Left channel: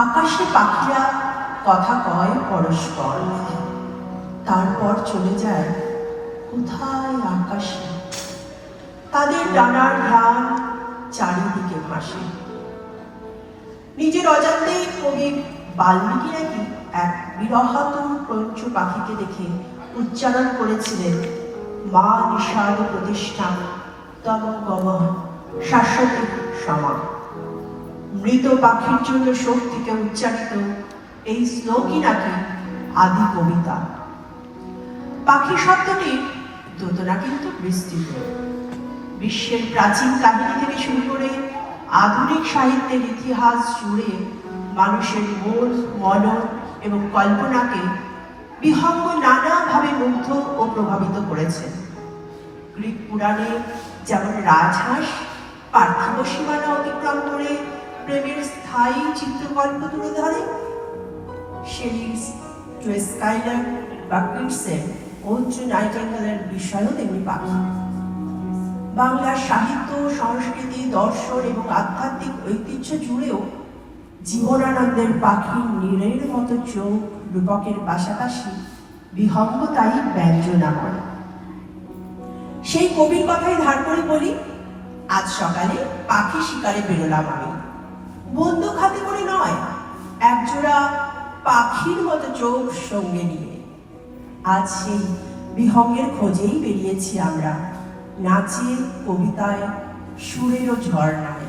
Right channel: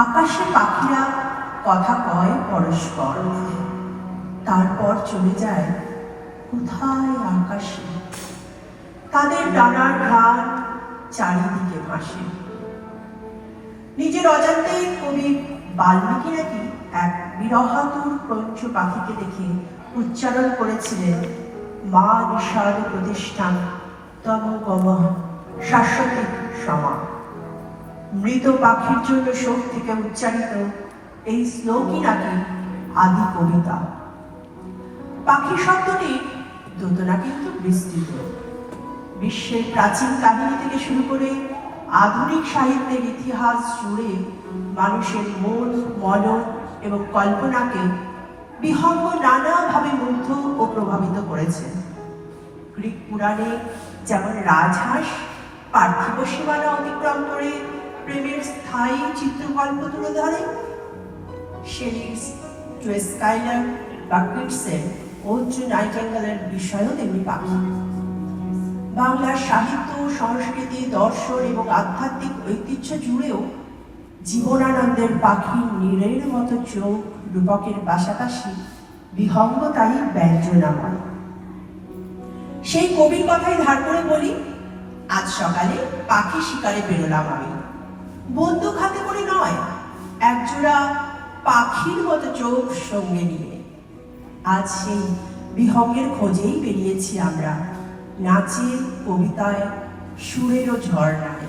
আকাশে পাখিরা কথা কয় পরস্পর, তারপর চলে যায় কোথায় আকাশে। তাদের ডানার ঘ্রাণ চারিদিকে ভাসে। নিজের অজান্তে কবি বাল্মীকি নাকি এক বিরহাতুর পঞ্চ পাখিকে দেখে উচ্চারণ করেছিলেন, মা নিষাদ প্রতিষ্ঠান তন গম শাশ্বতী সমা। মৃত পাখির জন্য শোক থেকে উচ্চারিত এই শ্লোকই নাকি আদি কবিতা। পাখি শব্দটির দোতনা কিন্তু বিস্তৃত। বিশ্বের প্রাচীন কাহিনী থেকে শুরু করে আধুনিক সাহিত্যের ইতিহাস জুড়ে মানুষের মন, মনন এবং কল্পনাকে বিহঙ্গ নানাভাবে মুগ্ধ ও প্রভাবিত করেছে। গ্রিক পুরাণে যেমন রাজহাঁস পার্থিব সীমানা অতিক্রম করে প্রেমের স্থায়ী চিত্রকল্প তুলে ধরে, শেলিস স্কাইলার বা কিটসের অর্জুন নাইটিঙ্গেলের বিষয়ও তেমনি পাখি। বাংলার সাহিত্য, সংস্কৃতি, দর্শন এবং আধ্যাত্মিক ঐতিহ্য জুড়েও জীবনানন্দের পাখির নীড়ের মতো চোখ রূপকের পাশাপাশি বিহঙ্গতাই ব্যঞ্জনাময়। সেই কবির কথাই ধার করে বলি, আজ সকালে পাখি শিকারে বেরোলাম আমি। বন্দুক হাতে করে নয়, একজোড়া পাখির মতো চোখ সঙ্গে নিয়ে। আজ সেই বিহঙ্গের খোঁজেই বেরিয়েছি আমরা, নাচে, কবিতায়, সুরের ও ঝর্ণায়।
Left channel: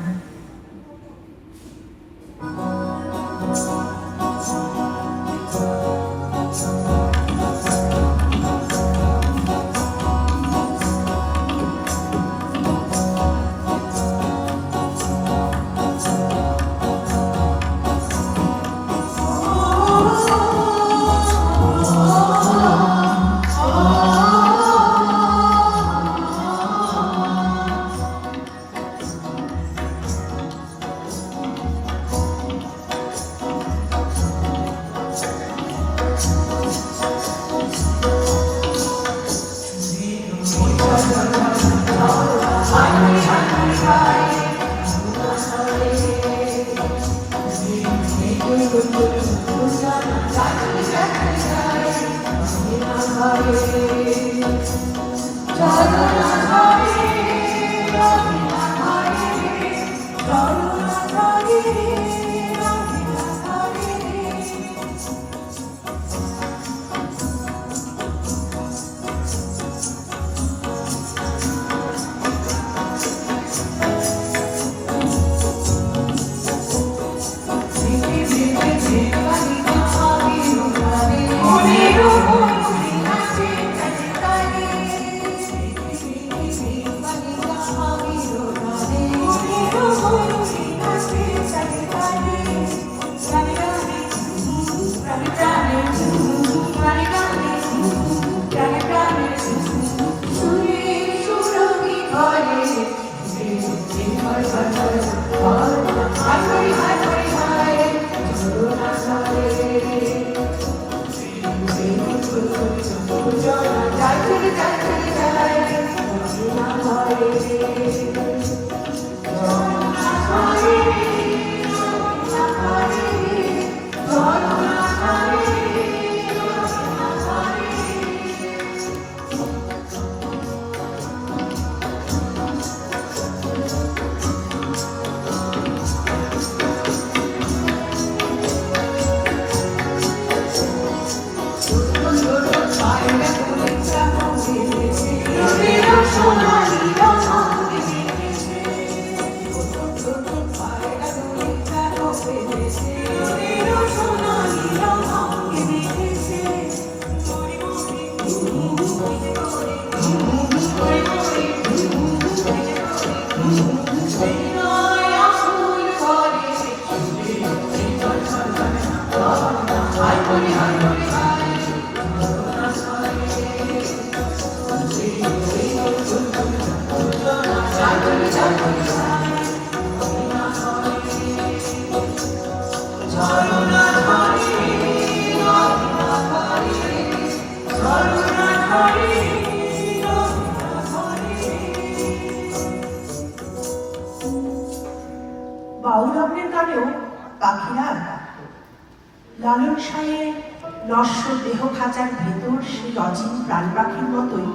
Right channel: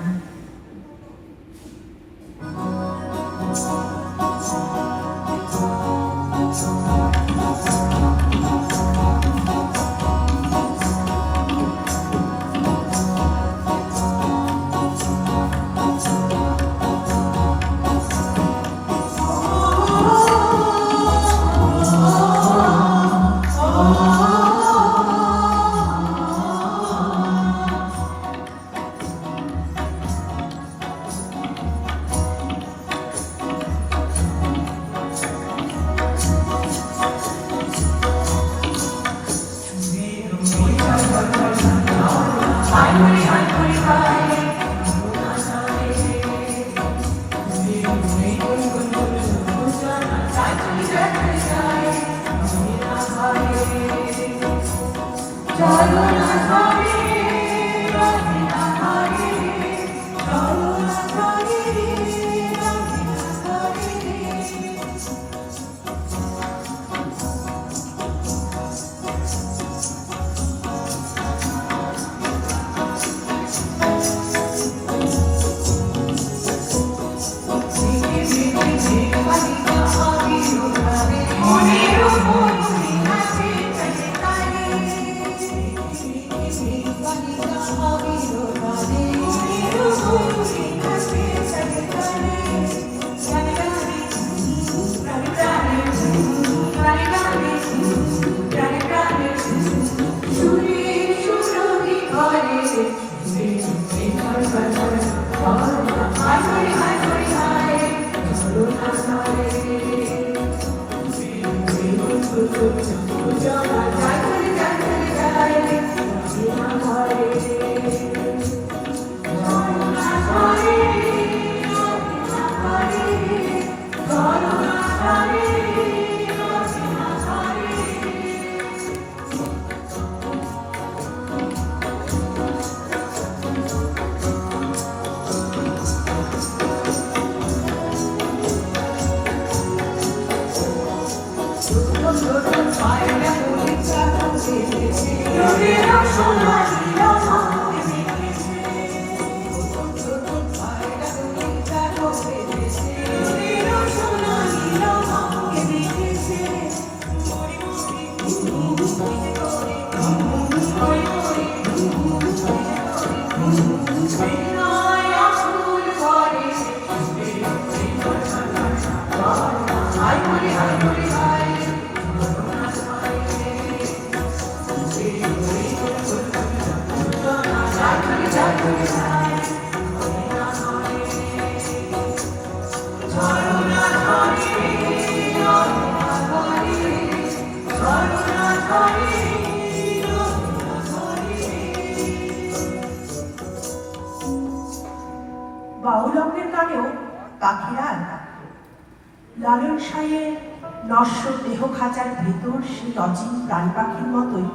ভেতর সেই অচিন প্রাণ পাখির মতোই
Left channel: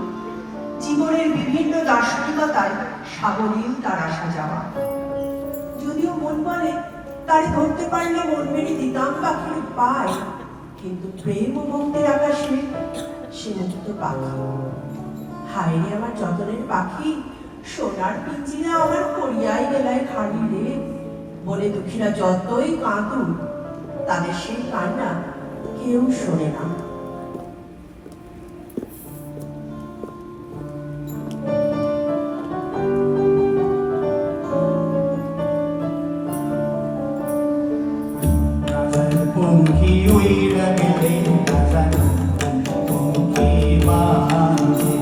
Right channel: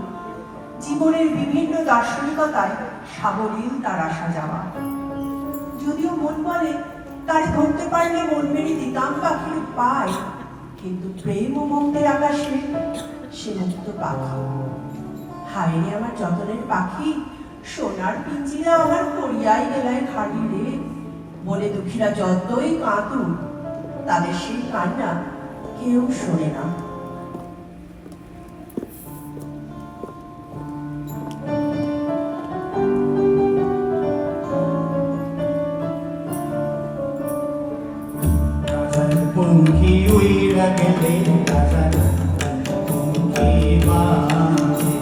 জীবনের বিভিন্ন দার্শনিকতায় সাবলীল তার আসা যাওয়া। যদিও মন বলে তারে ধরতে পারলে মন মেরে দিতাম পাখির পায়, কিন্তু প্রেম ও মুক্তের আকাশে সে মুক্ত পাখি। হায় রে আমার যতনের পাখি, সোনার পিঞ্জিরা আমার করিয়াই গেলায় খাড়ি রে। বলে দুঃখীরা যতই কাঁদুক, তাদের সেই কান্না কেউ শোনে না। পঙ্খী উইরা গেলে রাজার পঙ্খী বাজে,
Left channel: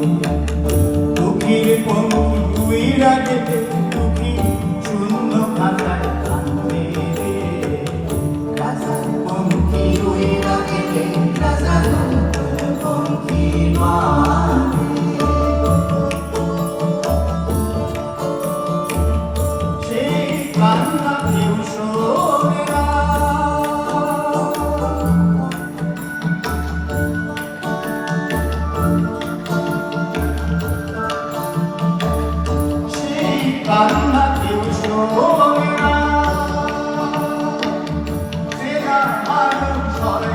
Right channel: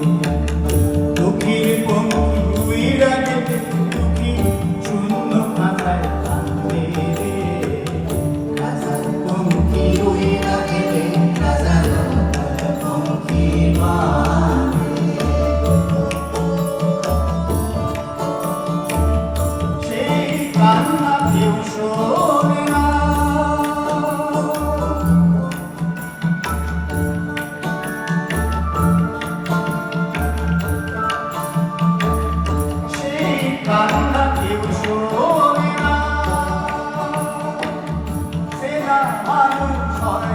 দুঃখীর পঙ্খী উইরা গেলে দুঃখী শূন্য খাতায় কান্দে রে। রাজার পঙ্খী উইরা গেলে রাজার পঙ্খী বাজে, সেই কান্না কেউ শোনে না। কান্না কেউ শোনে না, সেনা মানুষ হয়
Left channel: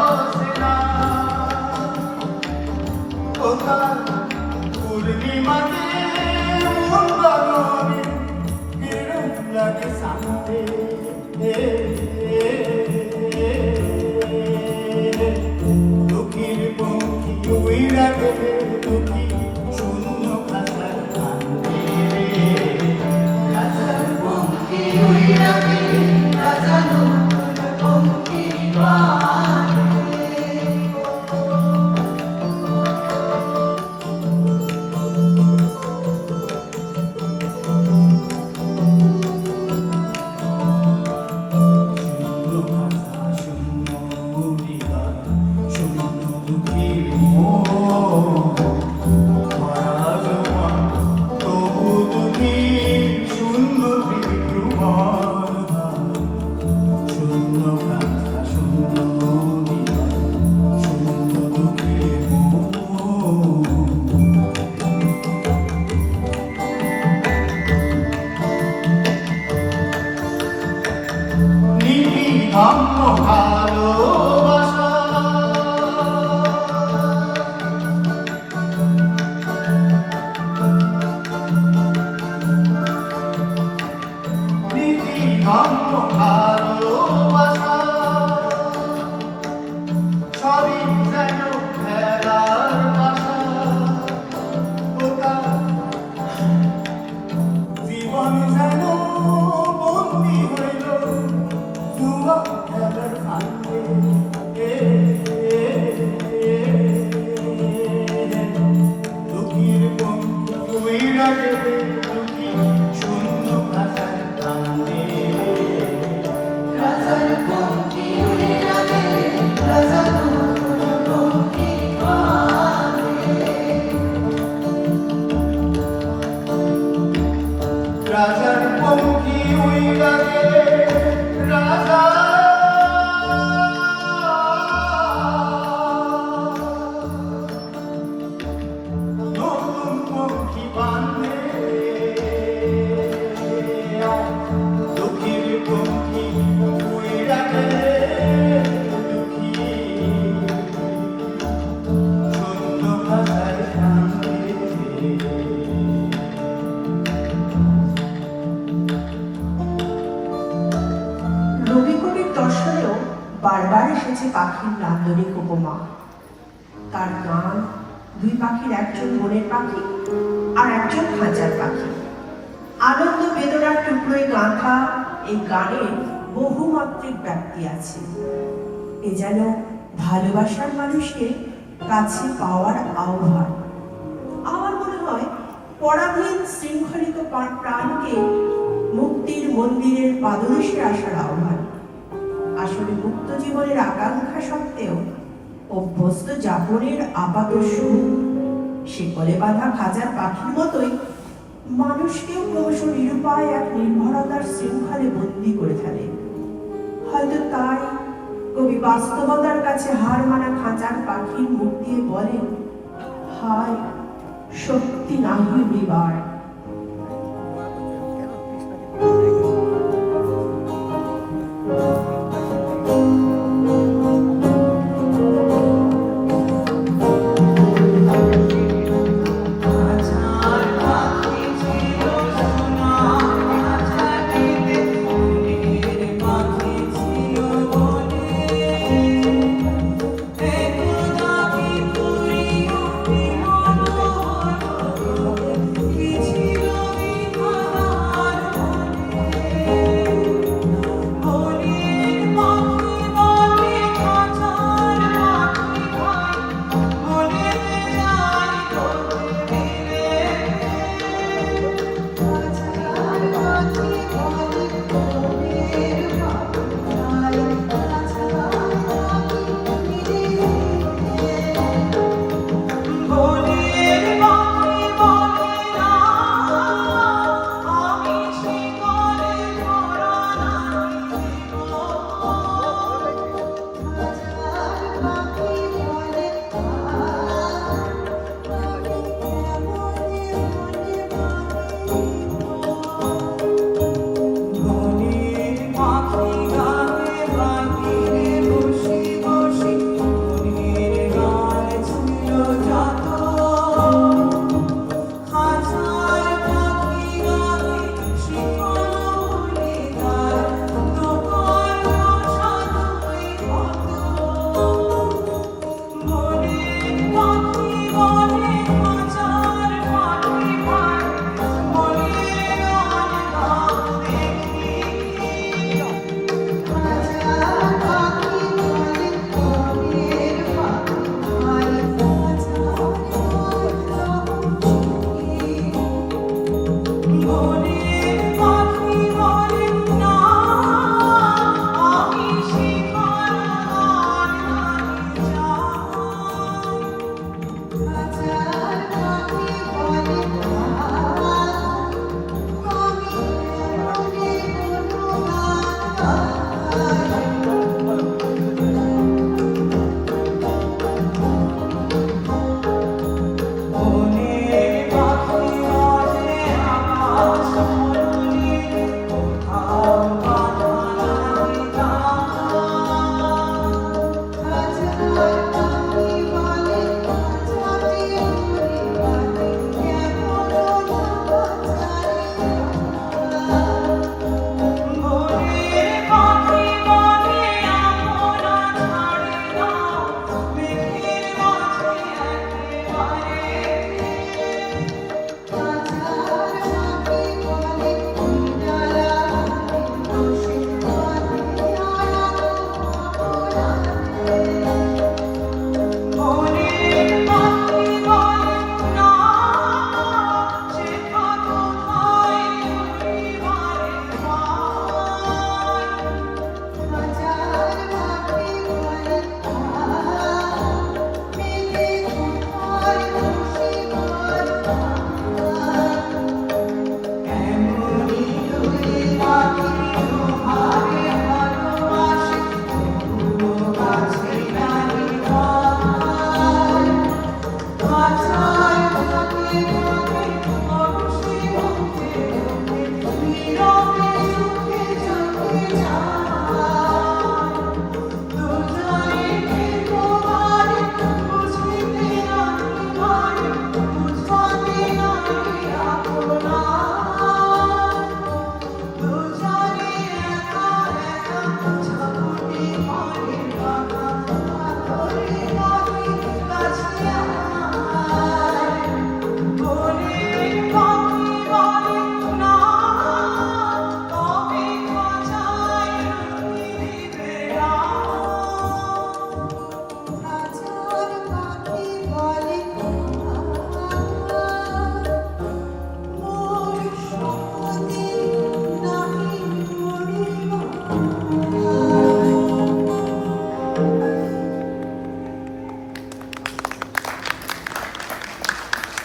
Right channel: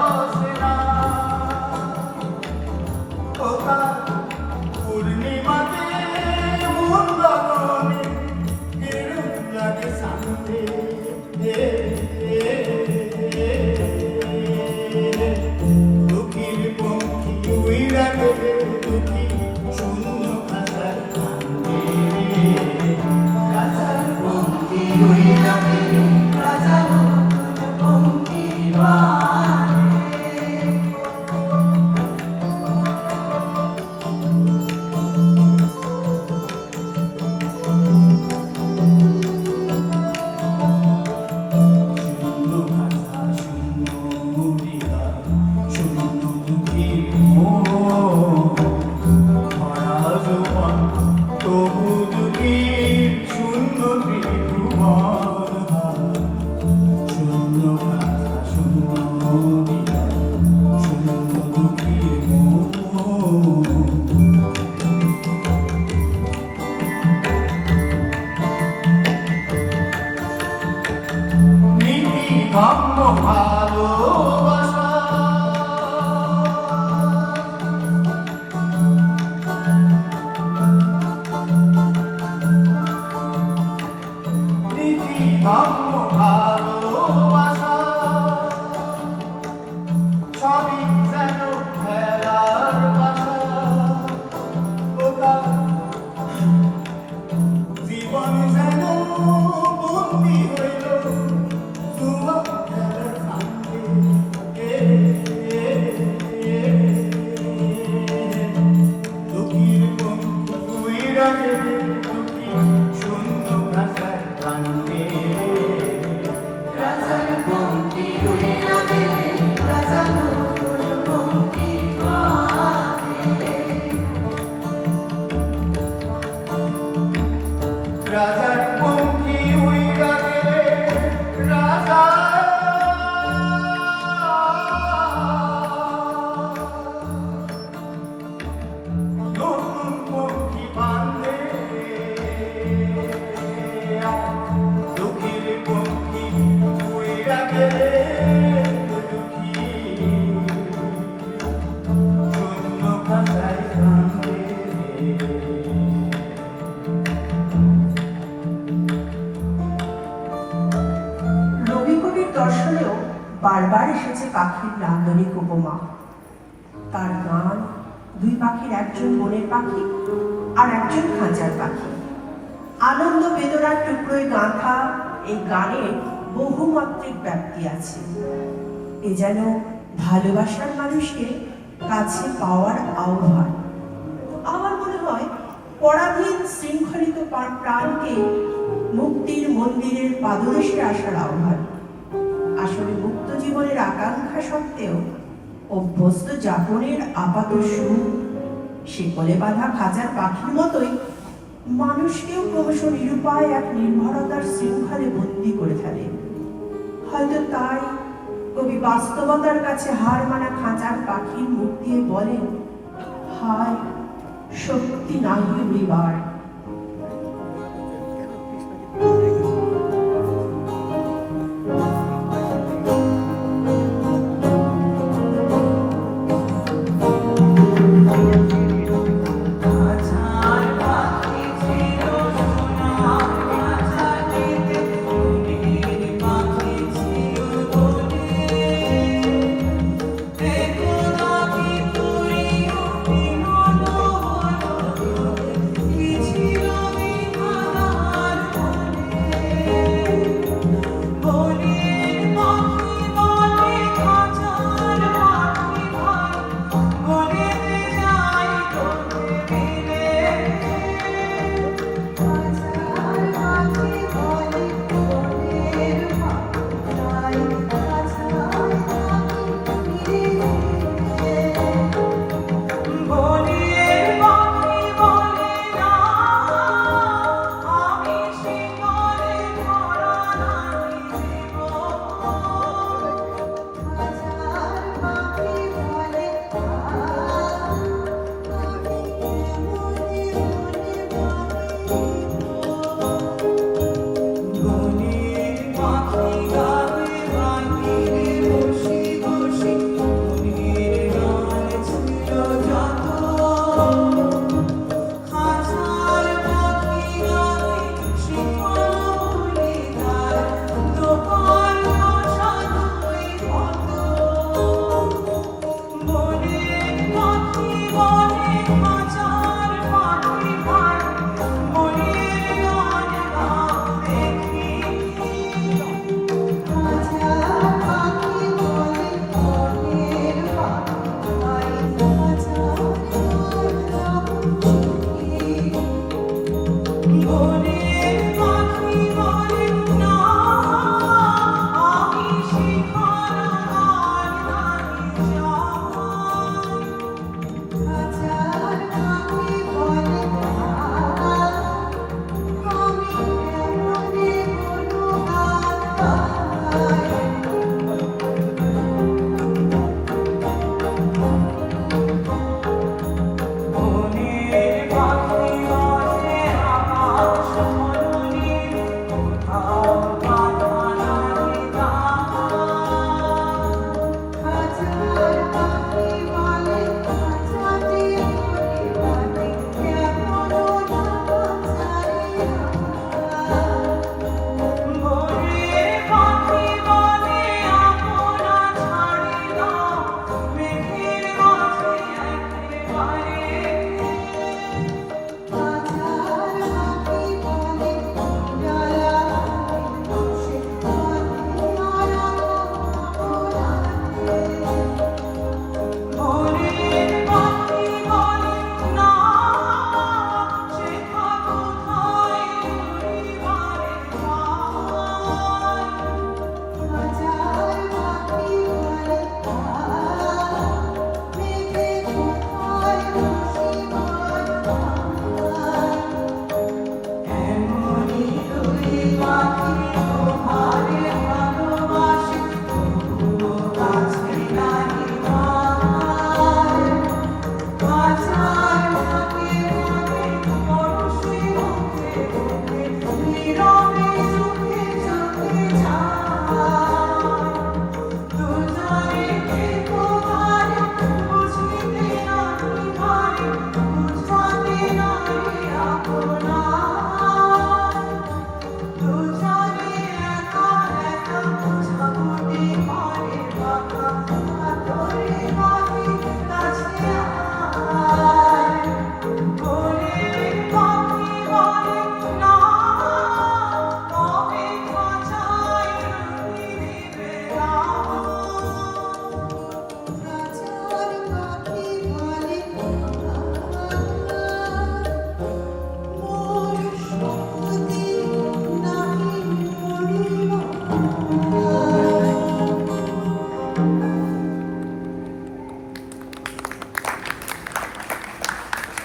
অচেনা। ওটা পূর্ণিমাতে মূল্যবানে এরূপ লাগে শান্তি। দুঃখীর পঙ্খী উইরা গেলে দুঃখী শূন্য খাতায় কান্দে রে। রাজার পঙ্খী উইরা গেলে রাজার পঙ্খী বাজে। শূন্য খাতা শূন্য হৃদয় শূন্য দুঃখীর মন, ভরা যৌবন তবু দুঃখীর শূন্য ভ্রমণ। শূন্য খাতা শূন্য হৃদয় শূন্য দুঃখীর মন। নীতি ধর্ম ভালোবাসা, নীতি ধর্ম ভালোবাসা, সবই যেন খেলার বাসা। ওটা জীবন যেন বন্দী হইল জুয়া খেলার ফান্দে। দুঃখীর পঙ্খী উইরা গেলে দুঃখী শূন্য খাতায় কান্দে। রাজার পঙ্খী উইরা গেলে রাজার পঙ্খী বাজে। রাজার পঙ্খী উইরা গেলে রাজা নতুন পঙ্খী বাঁধে। দুঃখীর পঙ্খী উইরা গেলে দুঃখী শূন্য খাতায় কান্দে। রবি কবির দর্শনেও বারবার এসেছে পাখির নান্দনিক উপমা। তার গান দুই পাখির, একজন বনের পাখি আর একজন খাঁচার পাখি। আনন্দ বেদনার টুকরোয় গাঁথা এই গানের বহুমাত্রিক ব্যাপ্তি আছে। এ যেন ভালোবাসার মানুষকে কাছে পাওয়ার আহ্বান। আমার মনে হয় পরাধীন শৃঙ্খলিত প্রাণকে মুক্তির মন্দিরের পাদদেশে আসার আহ্বান। আসলে মুক্ত জীবনের আকাঙ্ক্ষা সত্ত্বেও অভ্যস্ত যাপনের আপাত সুখ শিকলে বাঁধা খাঁচার পাখির মতোই মানুষকেও ক্রমশ নিরুপায় এক নির্ভরতার শৃঙ্খলে বন্দী করে ফেলে। হয়তো তাই কবি বাস্তবতার কাছে হার মানা খাঁচার পাখির মুখ দিয়ে বলেন, হায় শক্তি নাহি উড়িবার।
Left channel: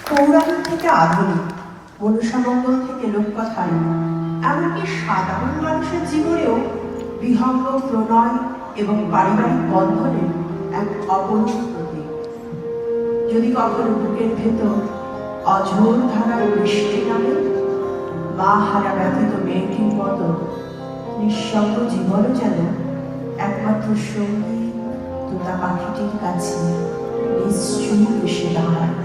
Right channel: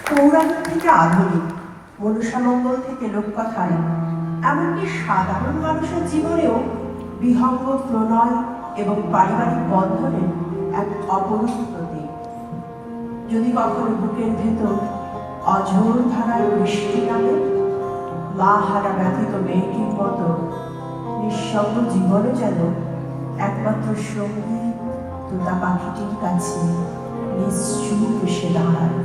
পৌরাণিক থেকে আধুনিক, মনুষ্যমঙ্গল থেকে লোককথায়, এমনকি সাধারণ মানুষের জীবনেও বিহঙ্গ প্রণয় এবং পারিবারিক বন্ধনের এক অপরূপ প্রতীক। যদি কখনো বুকের ভেতর অঝোর ধারার বৃষ্টি নামে, মা হারা ব্যথিত মেয়েটির মতো নিঃসঙ্গ জীবনও যেন একমাত্র সঙ্গী তোতা পাখিটির কাছে নিশ্চয়ই এসে দাঁড়ায়।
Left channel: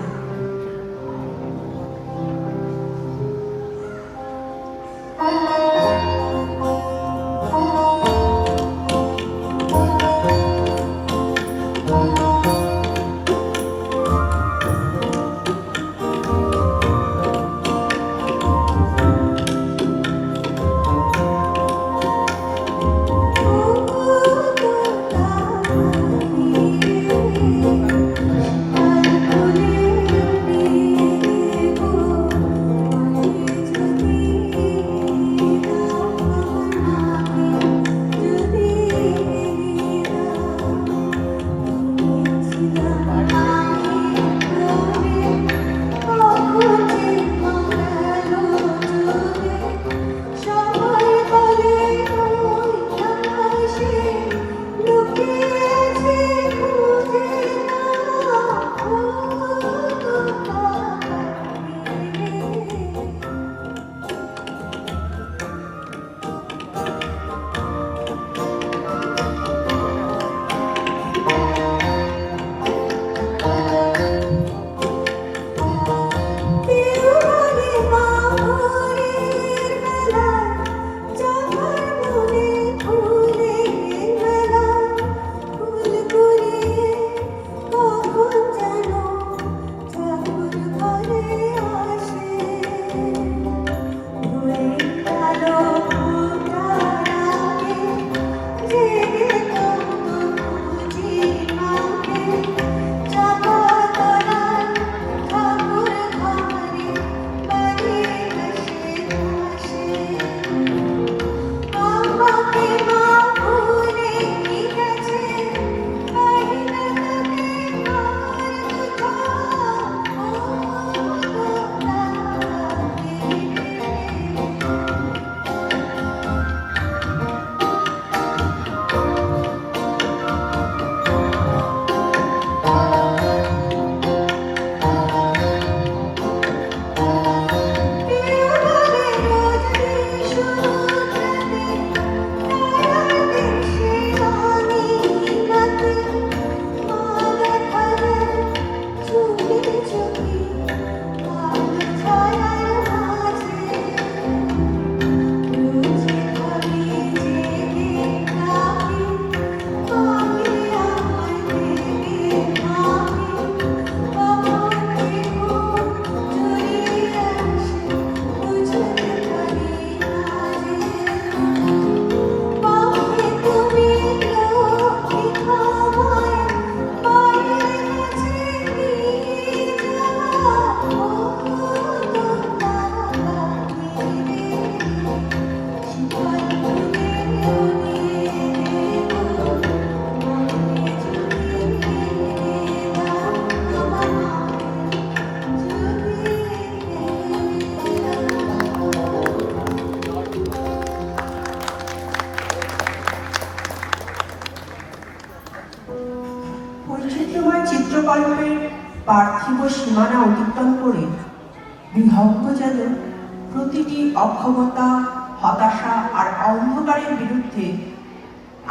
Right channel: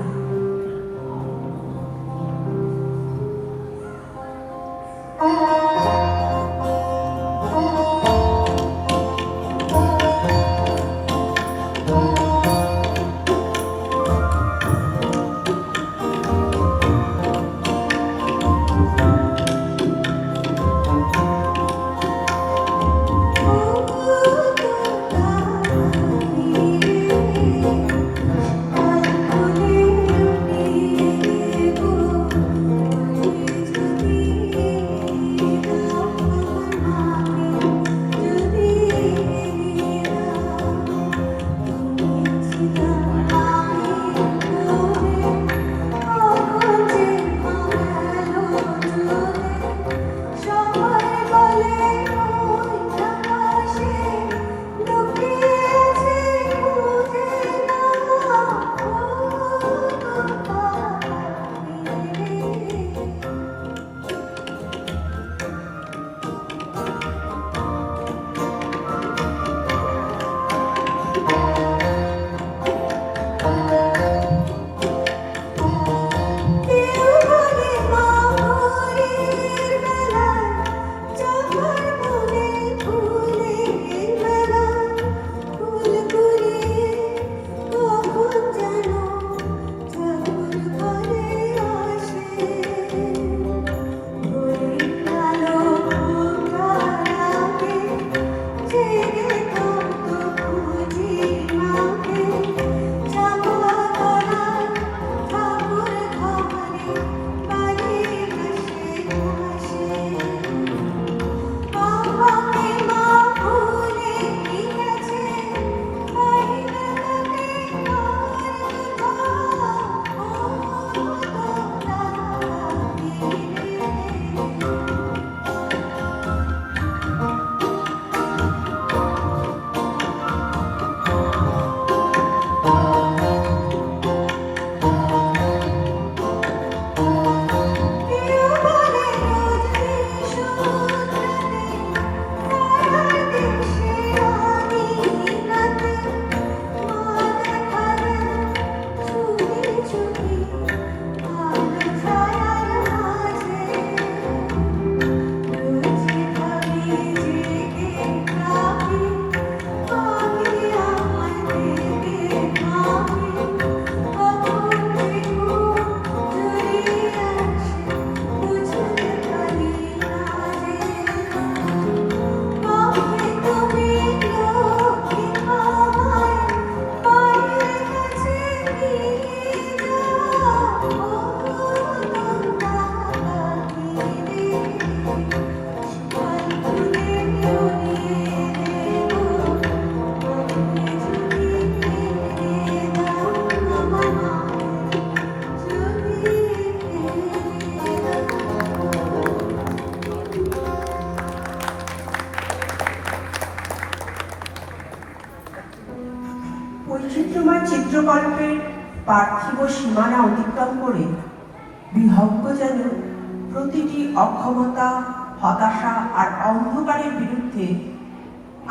বৈচিত্র্যময় চিত্রকল্পের পার্থিব সীমানা অতিক্রম করে বিহঙ্গ যেন প্রতিটি অক্ষমতা, হতাশা আর অন্ধকারের বিরুদ্ধে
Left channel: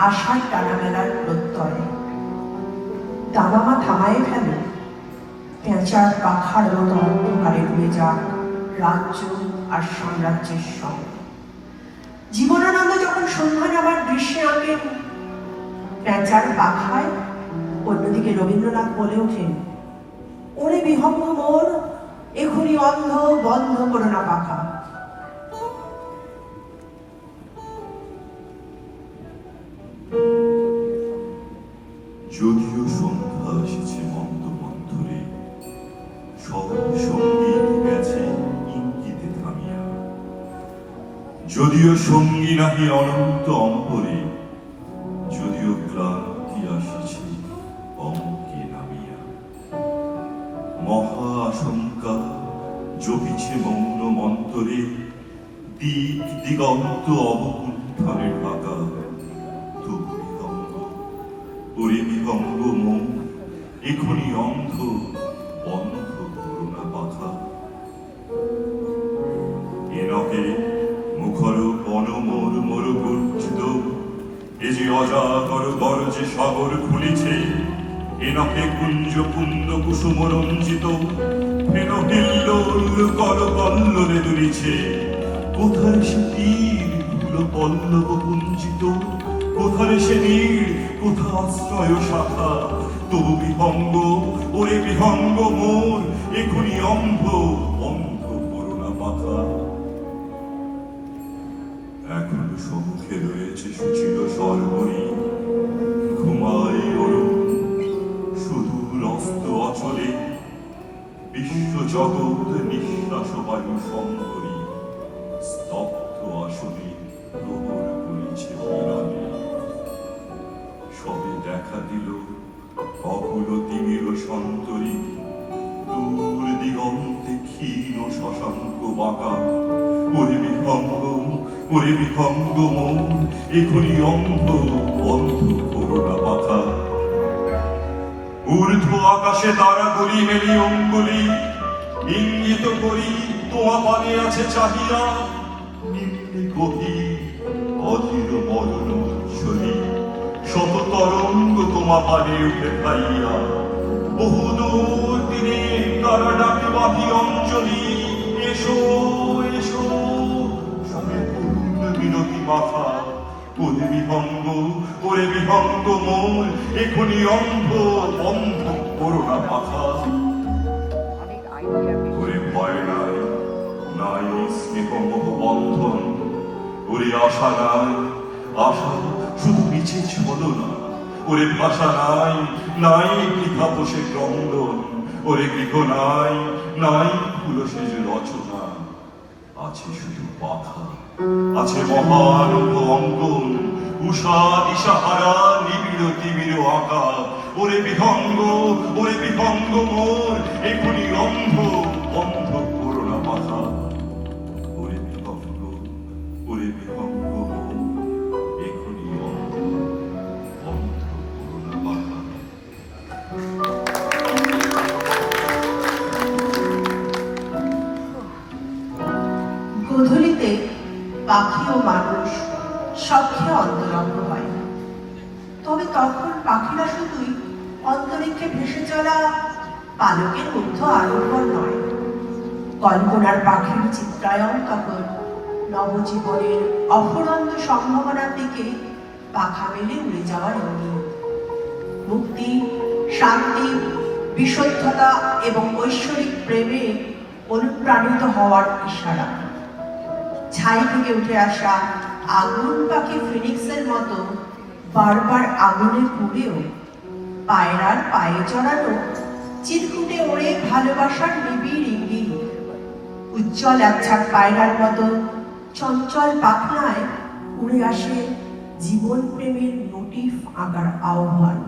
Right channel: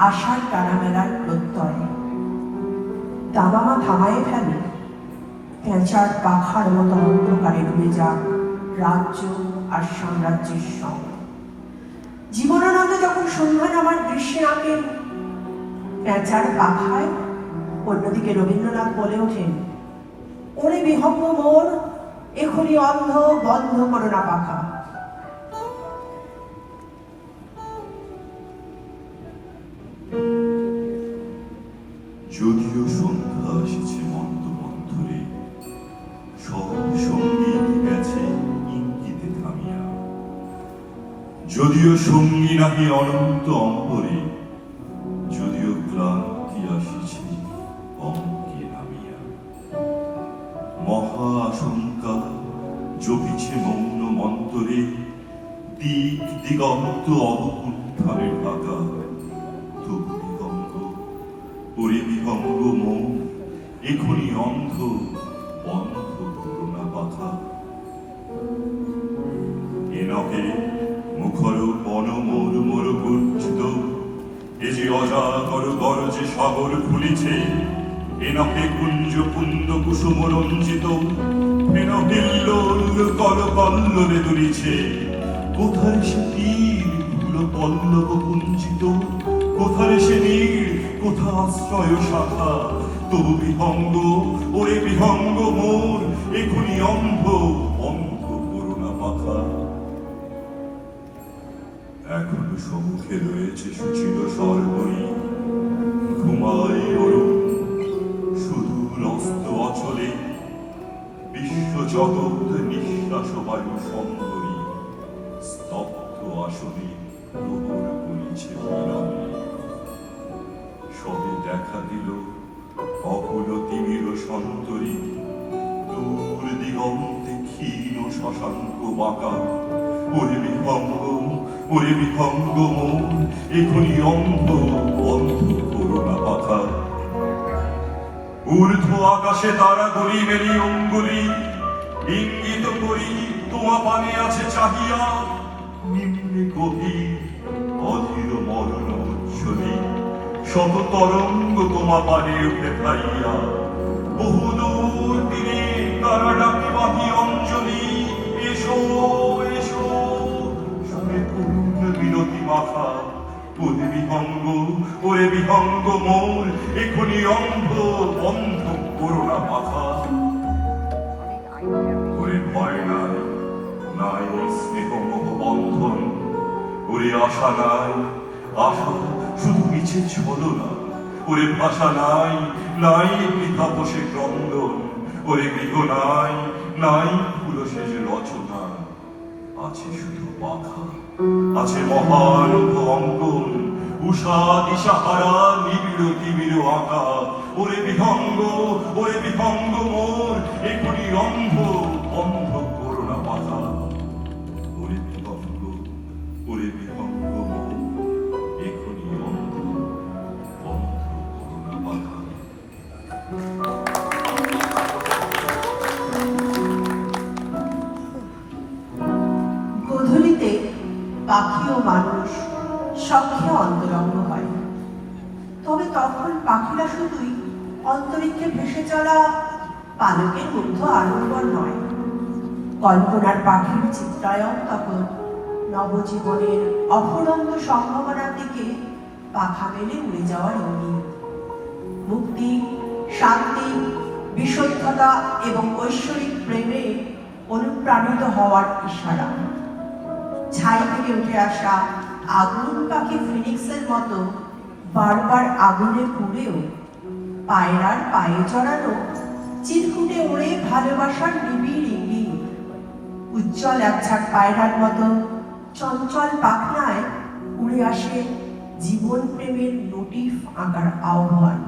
আশার টানাবেলার প্রত্যয়। দামামা থামায়ে ফেলে, পেঁচার পাখার মতো অন্ধকারে ডুবে যাক রাজ্য আর সাম্রাজ্যের সঙ্গে। জীবনানন্দ যখন সন্ধ্যা নামার দৃশ্যে আঁকেন পেঁচার পাখায়, অন্যদিকে রবীন্দ্রনাথ বলে ওঠেন, ওরে বিহঙ্গ মোর, এখনই অন্ধ বন্ধ করো না পাখা। যদিও সন্ধ্যা এসেছে মন্দ মন্থরে, সঙ্গীত গেছে ইঙ্গিতে থামিয়া। যদিও সঙ্গী নাহি অনন্ত অম্বরে, যদিও ক্লান্তি আসিছে অঙ্কে নামিয়া। মহা আশঙ্কা জপিছে মৌন মন্তরে, দিক দিগন্ত অবকুণ্ঠারে ঢাকা। তবু বিহঙ্গ ওরে বিহঙ্গ মন এখনি অন্ধ বন্ধ করুণা পাখা এ নহে মুখর বন মোর মোর গর্জিত এ যে অজাগর গরজে সাগর খুলিছে এ নহে কুঞ্জ কুন্দ কুসুম রঞ্জিত এ নহে লোল কর কল্লোলে দুলিছে কোথায় সে তীর ধুলো পল্লব কুঞ্চিত কোথায় সে নীড় কোথা আশ্রয় শাখা তবু বিহঙ্গ ওরে বিহঙ্গ মোর এখনি অন্ধ অন্ধ করুণা পাখা এখন সম্মুখে রয়েছে সুচির স্বর্গই ঘুমাই অরুণ সুদূর অস্ত অচলে বিশ্ব জগৎ নিঃশ্বাস বায়ু সম্বরী স্তব্ধ আসনে প্রহর করিছে বিরামে সবে দেখা দিল অকুল তিমির সন্তরী দূর দিগন্তে ক্ষীণ শশাঙ্ক বাঁকা ওরে বিহঙ্গ মন এখনি অন্ধ অন্ধ করুণা পাখা ঊর্ধ্ব আকাশে তারা গলি মেলি অঙ্গুলি ইঙ্গিত করি তোমা পানে আছে চাহিয়া নিম্নে গভীর অধীর মরণ উচ্ছলি শত তরঙ্গ তোমা পানে উঠে খাইয়া বহুদূর দিনে তারা ডাকি বাঁধি অঞ্জলি এসো এসো শুনে করুণ বিনতি মাথা ওরে বিহঙ্গ মোর এখনি অন্ধ বন্ধ করুণা পাখা ওরে ভয় নাই নাই স্নেহমোহ বন্ধন ওরে আশা নাই আশা শুধু নিচে ছলনা ওরে ভাষা নাই নাই বৃথা বসে ক্রন্দন ওরে গৃহ নাই নাই পুরুষের রচনা আছে শুধু পাখা আছে মহান অঙ্গন উষা দিশাহারা নিবিড় তিবির আঁকা ওরে বিহঙ্গ মোর এখনি অন্ধ অন্ধ করুণা পাখা ওরে বিহঙ্গ মোর এখনি অন্ধ অন্ধ করুণা পাখা গোধূলিতে পাখি ও মানুষ সখ্যে অন্তরঙ্গ হয় তবে তখন পাখিরা শুধুই অন্তরিক্ষে ভেসে চলা পালকের মধ্যে আলোকন নয় কল্পনার পাখির চিত্রায়ন তখন নবজীবনের অফুরন্ত সম্ভাবনার দিকে পাখা মেলে উড়ে যাওয়ার ইঙ্গিত মুক্তি শান্তি বিশুদ্ধতা এবং ঐশ্বরিক প্রেমে অনুপ্রাণিত হওয়ার ইশারা ছাই থেকে উঠে আসা আগুন পাখি ফিনিক্সের মতো বারবার আগুনে পুড়েও পায়রার পায়ে চড়ানো চিরকুটে ওড়ে ভালোবাসার নিবিড় ইঙ্গিত উজ্জ্বল একঝাঁক পায়রার মতো চঞ্চল পাখনায় উড়ে আসে জীবন প্রেমের নোটিফ আঁকার আহ্বান